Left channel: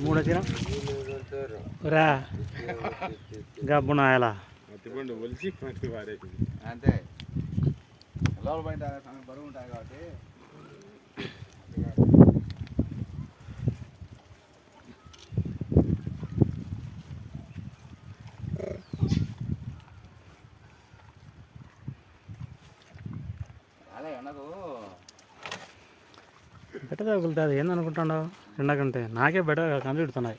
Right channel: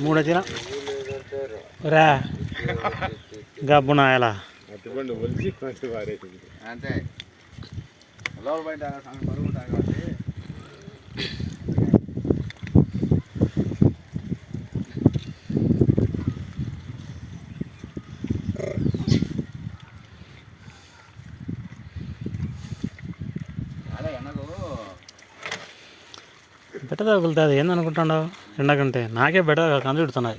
మూడు వచ్చిన రా గబ్బున ఎలా అంతే లోపల బయట బరువు ఉంటాయి కాబట్టి బెట్ట తగులుతుంది ఏందనుకుంటున్నావు ఎండకంటే నాకే బెట్ట కందు పెడుతున్నాయి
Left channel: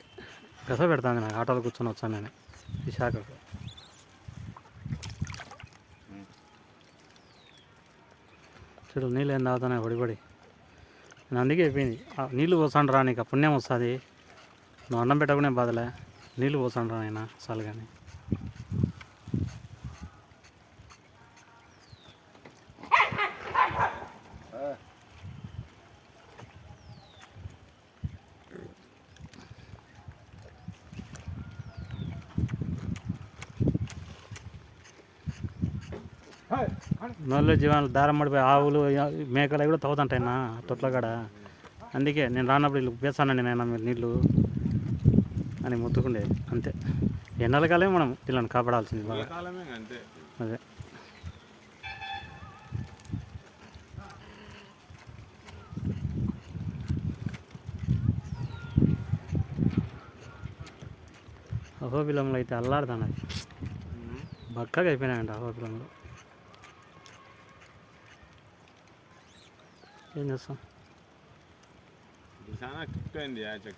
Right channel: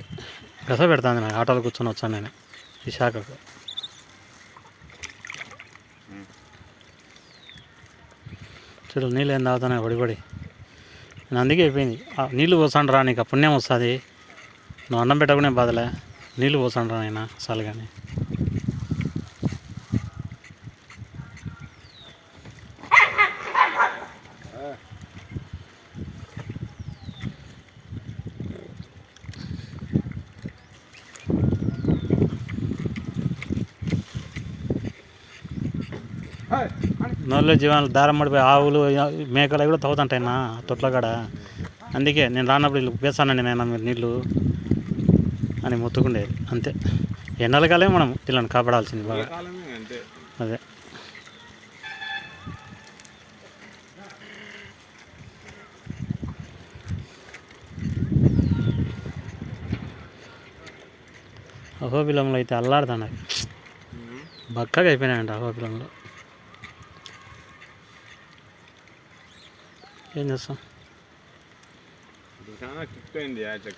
గస పెడుతుంది నాకు ఆటోలో కూర్చొని వచ్చాను నేను ఈ శాఖకు చూడు నీళ్ళు ఏం తాగుతున్నాయి పడిపడి నేను అందుకే అయిపోయింది నీళ్ళు పోసాండు రా నీకు పుణ్యం వస్తుంది నువ్వు అన్నం పెట్టకునే బాధలే నీళ్ళు పోసాండు రా నేను అసలు కానీ నోళ్ళు జీవాలు దారం పడిపోయి ఆవులు మేకలు కూడా తవ్వుతుంటాయి నా తొట్ల కాడ అందుకే నేను రానప్పుడు వీళ్ళు వేస్తానండి నేను మీరు నీళ్ళు అని మొత్తుకుండేది అంతే ఎండలకాలే మనం వీళ్ళని కాపాడాల్సింది బాగా అదే అహోబిలంలో అయితే అల్లాడుతున్నాయి బక్కగా అయిపోయినాయంట అహోబిలంలో ఏం చేస్తాం